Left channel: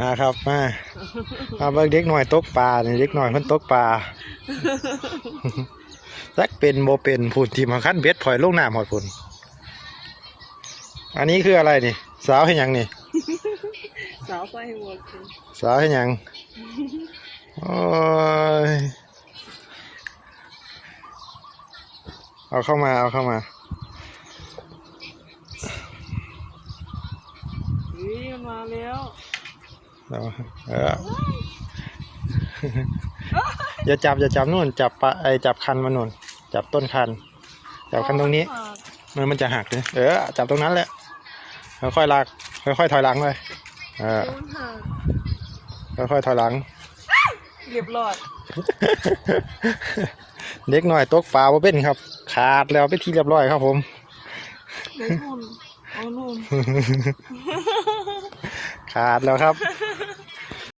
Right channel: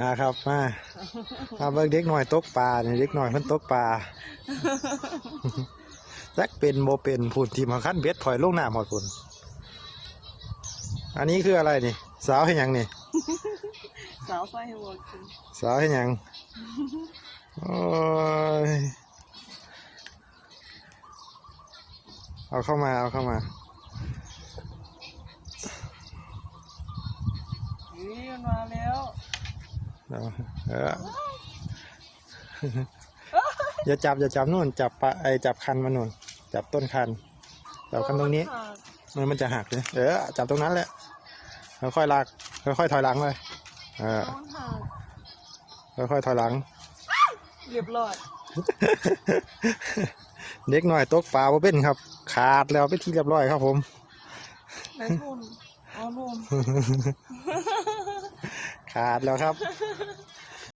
มาครับมามาเบิ่งเด็กหน่อยตกปลานี่เด็กหน่อยเพิ่นตกปลาจักเป็นโบเป็นพูดที่มาขั้นเบ็ดพลอยลงน้ำหอดพุ่นอันนี้คืออะไรนี่ สาวให้หยังนี่ สาวใส่หัวกินสาวให้หยังโอ้ยเอาเข้ามาเอาเข้ามา นี่มันมาแล้วเอาเอออย่าจับอย่าจับนู่นจับปะไอจับคันมันนู่น จับต้นคัน จับคันตรงนี้ มันมันจะหักเลยเออจับตรงนั้นแหละค่อยๆลากค่อยๆถอยหลังเลยเออโดนหักค่อยๆถอยหลังเรียบร้อยเด็กหน่อยตกปลาบ่เป็นครับ ขาดแล้วไปนที่เรียบร้อยครับผม ได้ทุนเอานุ่น ขาดแล้วครับ